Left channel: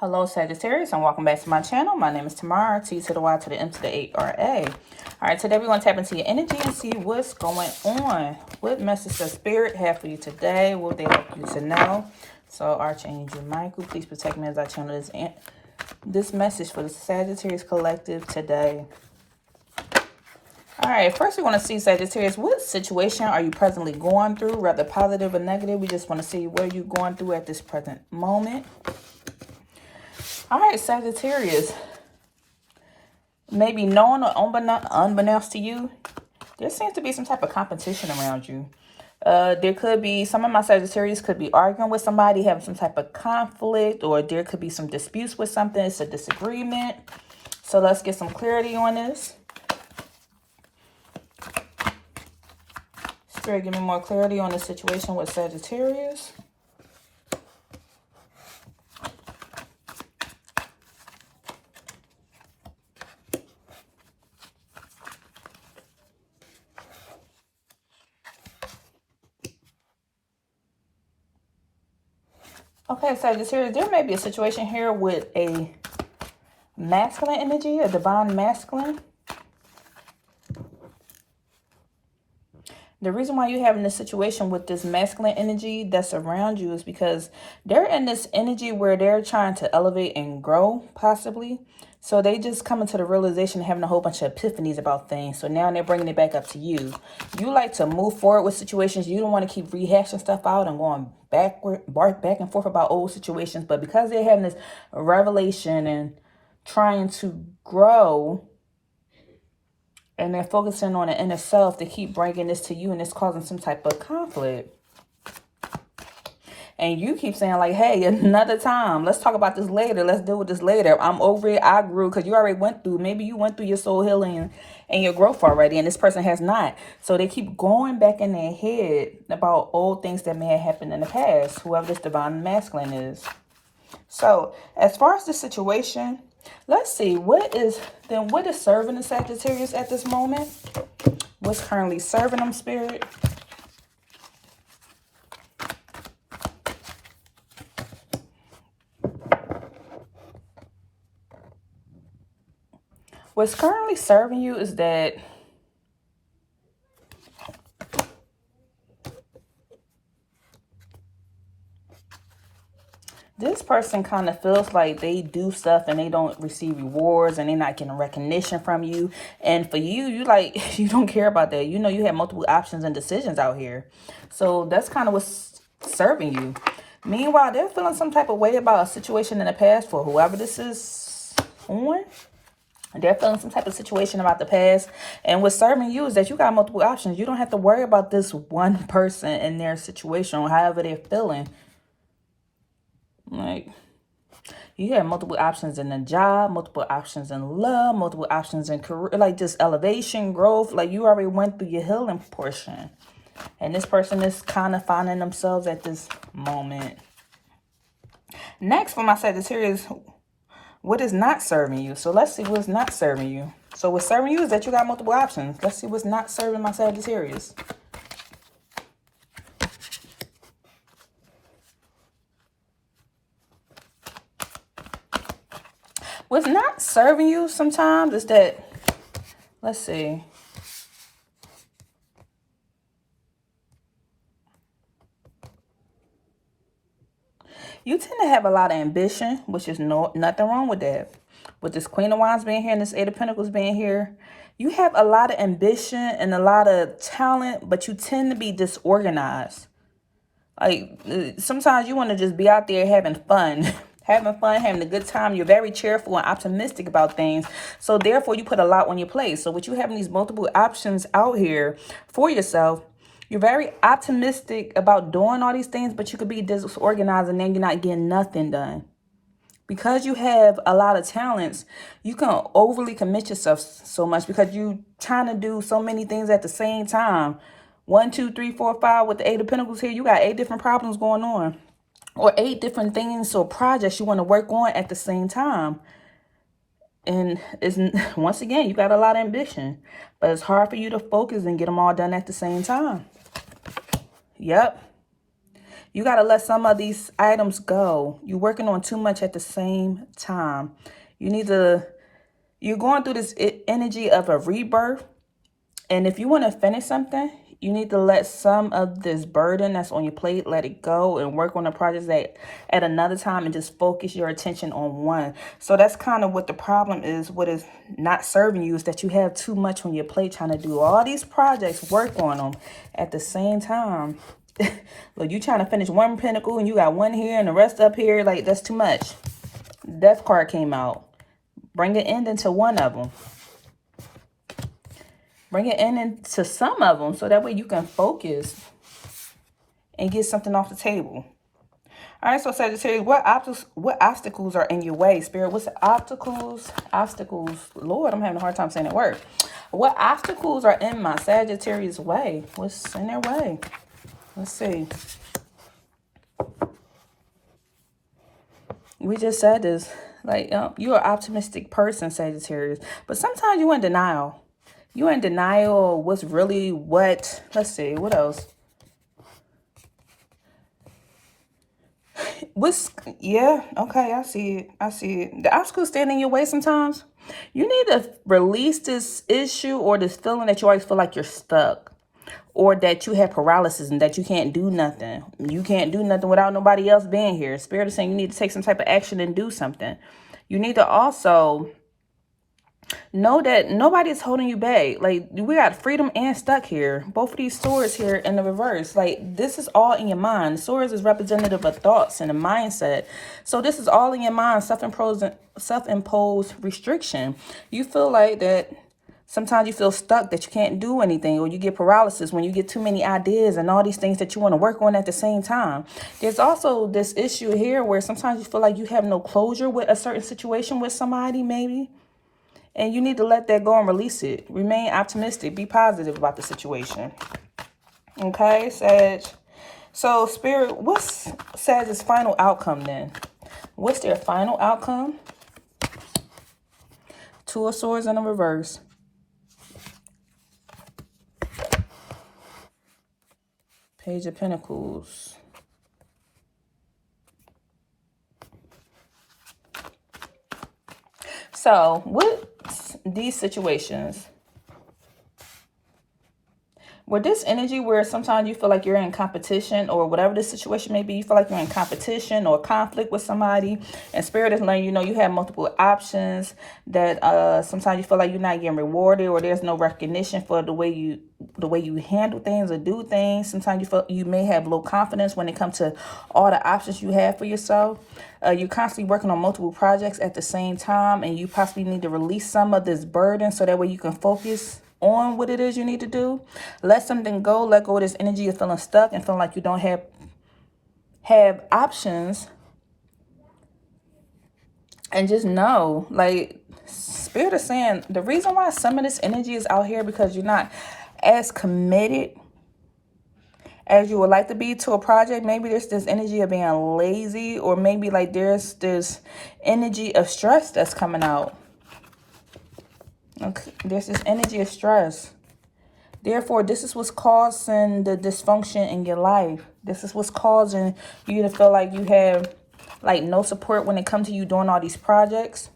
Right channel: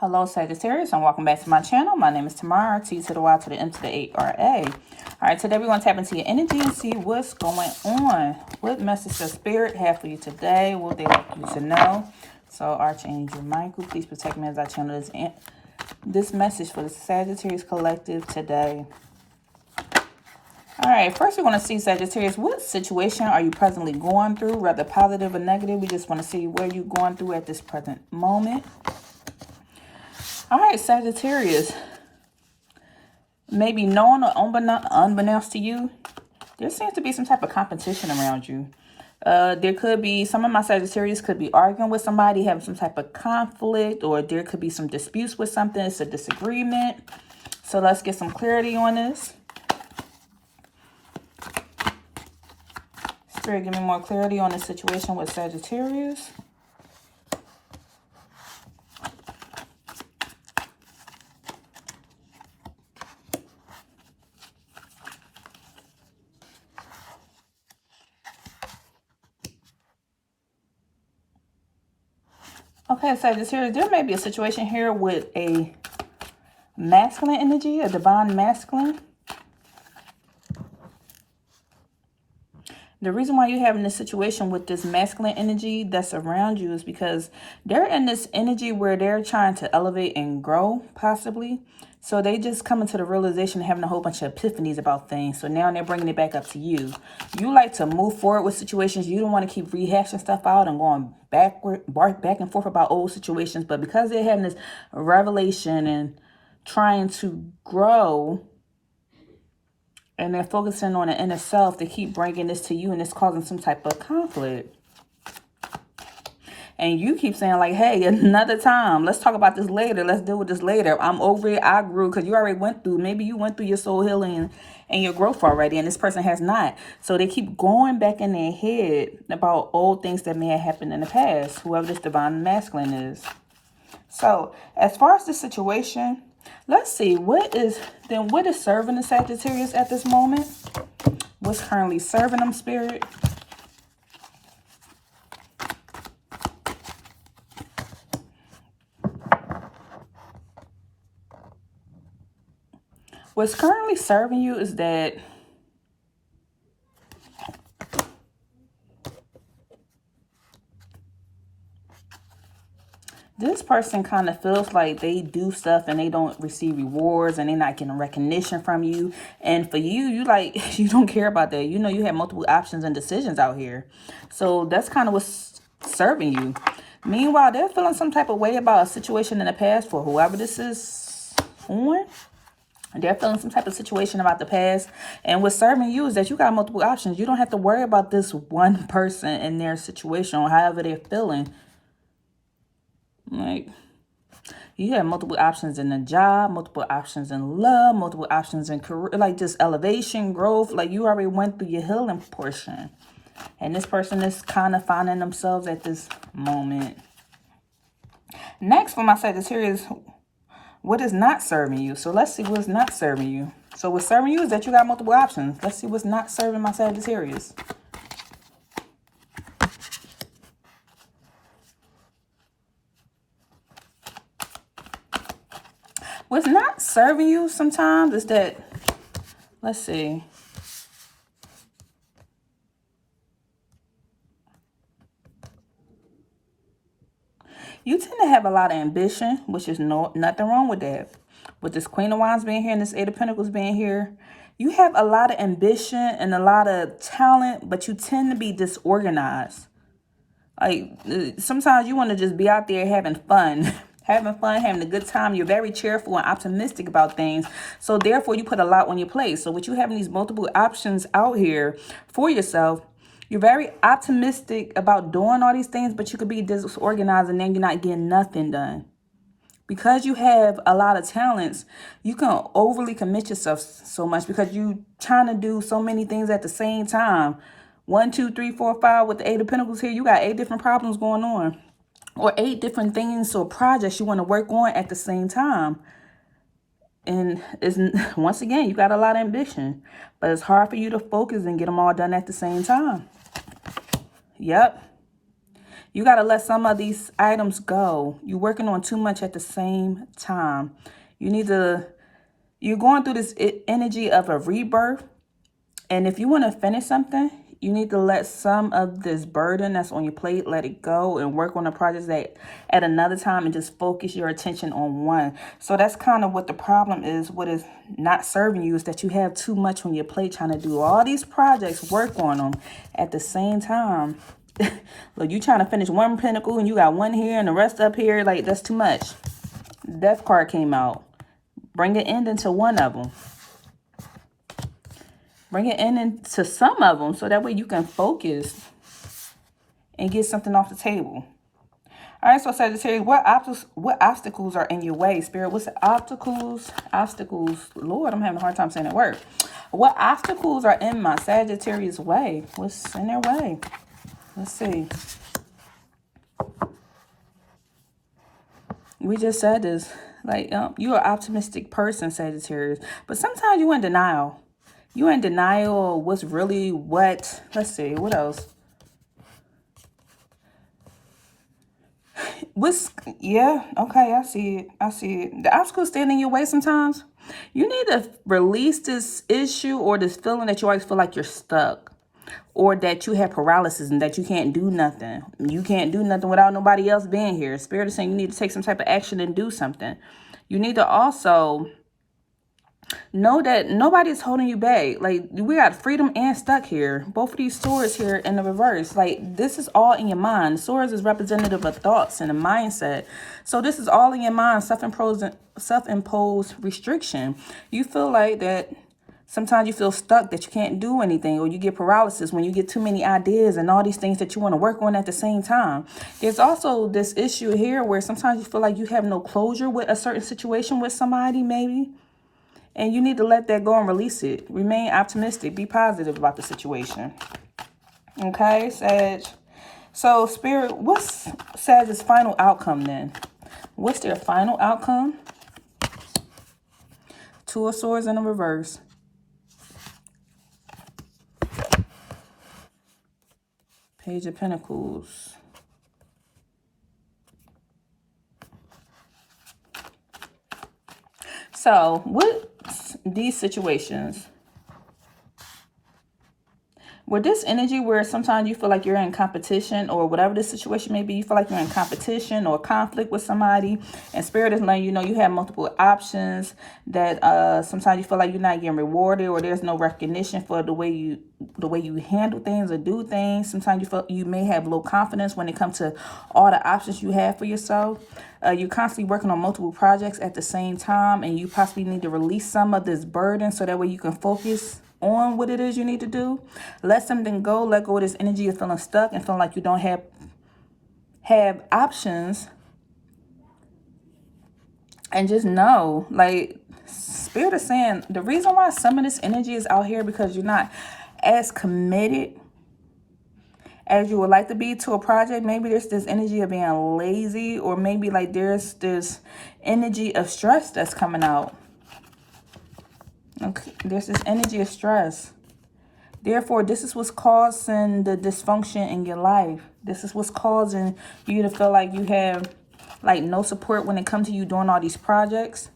Hello Sagittarius and welcome back to my channel. My name is Tamara, T to the Y to the M to the A-R-A. Alright, today we're going to tap into your energy and see what's going on. What message does Spirit have for you today? What would they like you to know? So Archangel Michael, please protect me as I channel this message for the Sagittarius collective today. Alright, first we want to see Sagittarius, what situation are you presently going through, whether positive or negative? We just want to see where you're going through at this present moment. All right, Sagittarius, maybe known or unbeknownst to you, there seems to be some type of competition around you. There could be, some of my Sagittarius could be arguing with somebody, having some type of conflict, or there could be some disputes with something. It's a disagreement. So let's get some clarity on this. Spirit, give me more clarity on this situation with Sagittarius. Okay, Sagittarius, there may be a situation here with a masculine energy, a divine masculine. The reason why you're having this situation with this masculine energy that's around you is because they're in this energy where they're trying to elevate and grow, possibly. So they just come into the realization of having a whole bunch of epiphanies about things. So now they're bringing it back up to you. You like to move forward with situations. You don't want to keep rehashing stuff out and going back and forth about old situations. But because they're having this revelation and trying to grow, and they're focusing on the inner self, they keep bringing this to you, and it's causing some type of conflict. And you keep saying like, hey, another time. Let's talk about this later. Let's deal with this later. I'm over it. I grew, because you already went through. Maybe you went through your soul healing and your growth already, and this person has not. So they keep going back in their head about old things that may have happened in the past, whoever this divine masculine is. So as far as the situation, let's see, what is serving the Sagittarius at this moment? What's currently serving them, Spirit? What's currently serving you is that this person kind of feels like they do stuff and they don't receive rewards and they're not getting recognition from you. And for you, you don't care about that. You know, you have multiple options and decisions out here. So that's kind of what's serving you. Meanwhile, they're feeling some type of way about a situation in the past for whoever this is on. They're feeling some type of situation about the past. And what's serving you is that you got multiple options. You don't have to worry about this one person and their situation or however they're feeling. Like, you have multiple options in the job, multiple options in love, multiple options in career, like just elevation, growth. Like, you already went through your healing portion. And this person is kind of finding themselves at this moment. Next, for my Sagittarius, what is not serving you? So let's see what's not serving you. So what's serving you is that you got multiple options. Let's see what's not serving my Sagittarius. What's not serving you sometimes is that, let's see. You tend to have a lot of ambition, which is nothing wrong with that. With this Queen of Wands being here and this Eight of Pentacles being here, you have a lot of ambition and a lot of talent, but you tend to be disorganized. Like, sometimes you want to just be out there having fun. Having a good time. You're very cheerful and optimistic about things. So therefore, you put a lot on your plate. So with you having these multiple options out here for yourself, you're very optimistic about doing all these things, but you could be disorganized and then you're not getting nothing done. Because you have a lot of talents, you can overly commit yourself so much because you're trying to do so many things at the same time. 1, 2, 3, 4, 5 with the Eight of Pentacles here. You got 8 different problems going on. Or 8 different things or projects you want to work on at the same time. And once again, you got a lot of ambition. But it's hard for you to focus and get them all done at the same time. Yep. You got to let some of these items go. You're working on too much at the same time. You need to, you're going through this energy of a rebirth. And if you want to finish something, you need to let some of this burden that's on your plate, let it go and work on the projects that at another time and just focus your attention on one. So that's kind of what the problem is. What is not serving you is that you have too much on your plate trying to do all these projects, work on them at the same time. Look, you trying to finish one pinnacle and you got one here and the rest up here. Like, that's too much. Death card came out. Bring an end into one of them. Bring it into some of them so that way you can focus and get something off the table. All right, so Sagittarius, what obstacles are in your way? Spirit, what's the obstacles? Lord, I'm having a hard time saying that word. What obstacles are in my Sagittarius way? What's in their way? Let's see. We just said this. Like, you're an optimistic person, Sagittarius. But sometimes you're in denial. You're in denial of what's really what. Let's see. What else? Yeah, okay, I see it. I see it. The obstacles stand in your way sometimes. You need to release this issue or this feeling that you always feel like you're stuck. Or that you have paralysis and that you can't do nothing. You can't do nothing without nobody else being here. Spirit is saying you need to take some type of action and do something. You need to also know that nobody's holding you back. Like, we got freedom and stuck here. Both of these swords here in the reverse. Like, this is all in your mind. Swords is representative of thoughts and a mindset. So this is all in your mind. Self-imposed restriction. You feel like that. Sometimes you feel stuck, that you can't do anything, or you get paralysis when you get too many ideas and all these things that you want to work on at the same time. There's also this issue here where sometimes you feel like you have no closure with a certain situation with somebody, maybe. And you need to let that go and release it. Remain optimistic. Be positive about the situation. Okay, Sag. So, Spirit, what's Sag's final outcome then? What's their final outcome? Two of Swords in the reverse. Page of Pentacles. So, with these situations, with this energy where sometimes you feel like you're in competition or whatever the situation may be, you feel like you're in competition or conflict with somebody, and Spirit is letting you know you have multiple options, that sometimes you feel like you're not getting rewarded or there's no recognition for the way you handle things or do things. Sometimes you feel you may have low confidence when it comes to all the options you have for yourself. You're constantly working on multiple projects at the same time, and you possibly need to release some of this burden so that way you can focus on what it is you need to do. Let something go. Let go of this energy of feeling stuck and feeling like you don't have options. And just know, like, Spirit is saying the reason why some of this energy is out here because you're not as committed as you would like to be to a project. Maybe there's this energy of being lazy, or maybe like there's this energy of stress that's coming out. Okay, there's this energy of stress. Therefore, this is what's causing the dysfunction in your life. This is what's causing you to feel like you have like no support when it comes to you doing all these projects,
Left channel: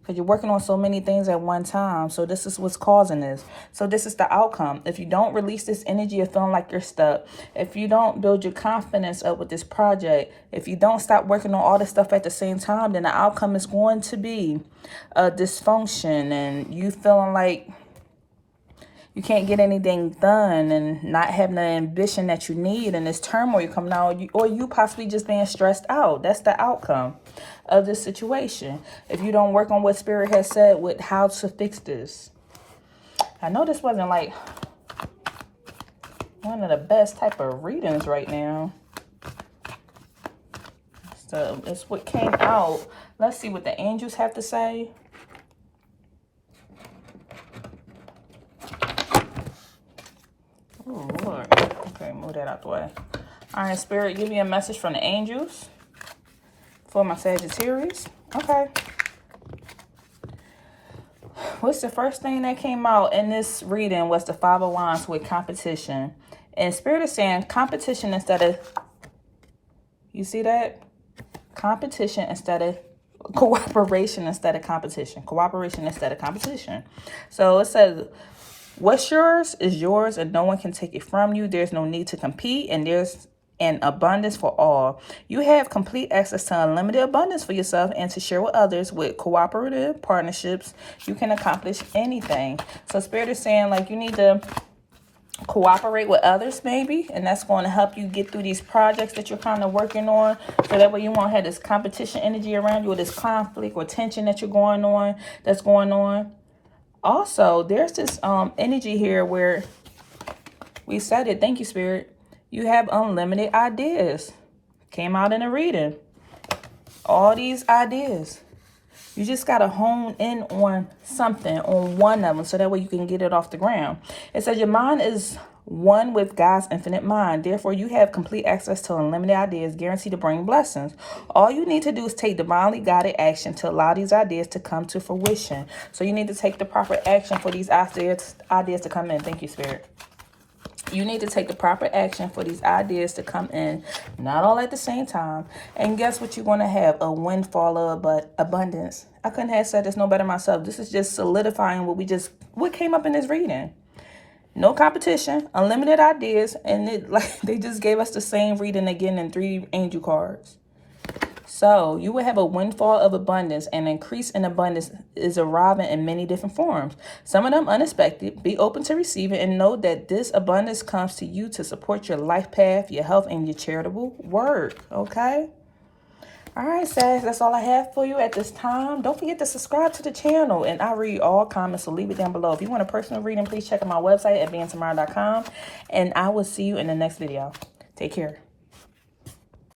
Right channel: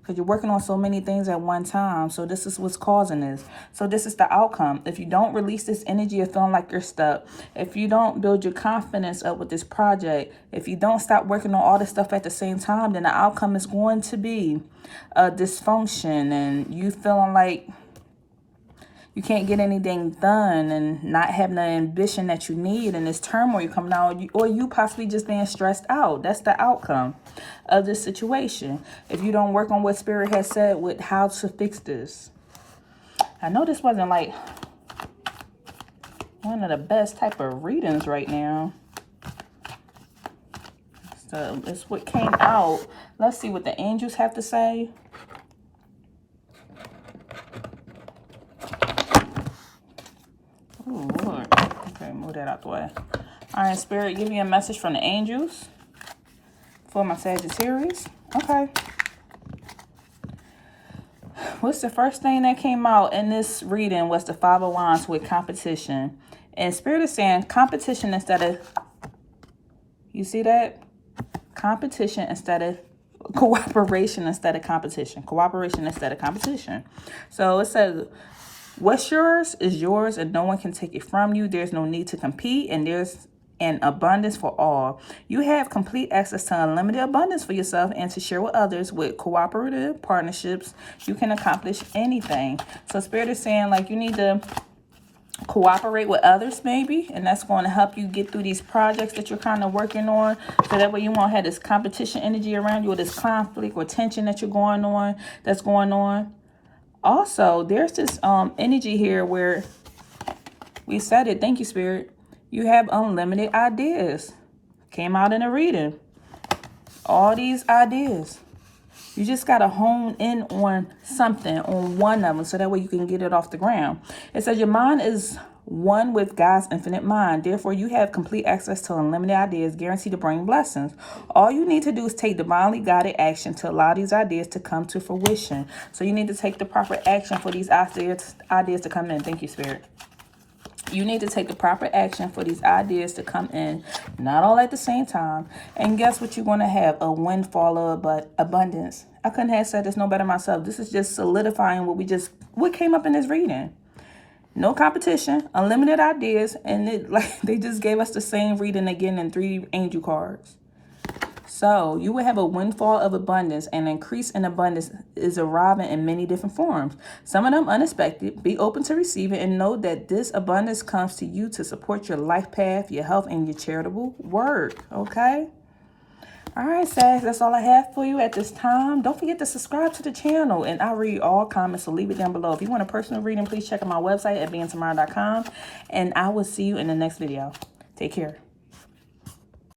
because you're working on so many things at one time. So this is what's causing this. So this is the outcome. If you don't release this energy of feeling like you're stuck, if you don't build your confidence up with this project, if you don't stop working on all this stuff at the same time, then the outcome is going to be a dysfunction and you feeling like you can't get anything done and not having the ambition that you need, and this turmoil coming out, or you possibly just being stressed out. That's the outcome of this situation if you don't work on what Spirit has said with how to fix this. I know this wasn't like one of the best type of readings right now. So it's what came out. Let's see what the angels have to say. Oh, Lord. Okay, move that out the way. All right, Spirit, give me a message from the angels for my Sagittarius. Okay. What's the first thing that came out in this reading was the Five of Wands with competition. And Spirit is saying competition instead of You see that? Competition instead of cooperation instead of competition. Cooperation instead of competition. So it says, what's yours is yours and no one can take it from you. There's no need to compete and there's an abundance for all. You have complete access to unlimited abundance for yourself and to share with others. With cooperative partnerships, you can accomplish anything. So Spirit is saying, like, you need to cooperate with others maybe, and that's going to help you get through these projects that you're kind of working on, so that way you won't have this competition energy around you or this conflict or tension that's going on. Also, there's this energy here where we said it. Thank you, Spirit. You have unlimited ideas. Came out in a reading. All these ideas. You just got to hone in on something, on one of them, so that way you can get it off the ground. It says your mind is one with God's infinite mind. Therefore, you have complete access to unlimited ideas guaranteed to bring blessings. All you need to do is take divinely guided action to allow these ideas to come to fruition. So you need to take the proper action for these ideas to come in. Thank you, Spirit. You need to take the proper action for these ideas to come in, not all at the same time. And guess what you're going to have? A windfall of abundance. I couldn't have said this no better myself. This is just solidifying what came up in this reading. No competition, unlimited ideas, and they just gave us the same reading again in 3 angel cards. So you will have a windfall of abundance, and increase in abundance is arriving in many different forms. Some of them unexpected. Be open to receive it and know that this abundance comes to you to support your life path, your health, and your charitable work. Okay? All right, Sag, that's all I have for you at this time. Don't forget to subscribe to the channel, and I read all comments, so leave it down below. If you want a personal reading, please check out my website at beingtamara.com, and I will see you in the next video. Take care.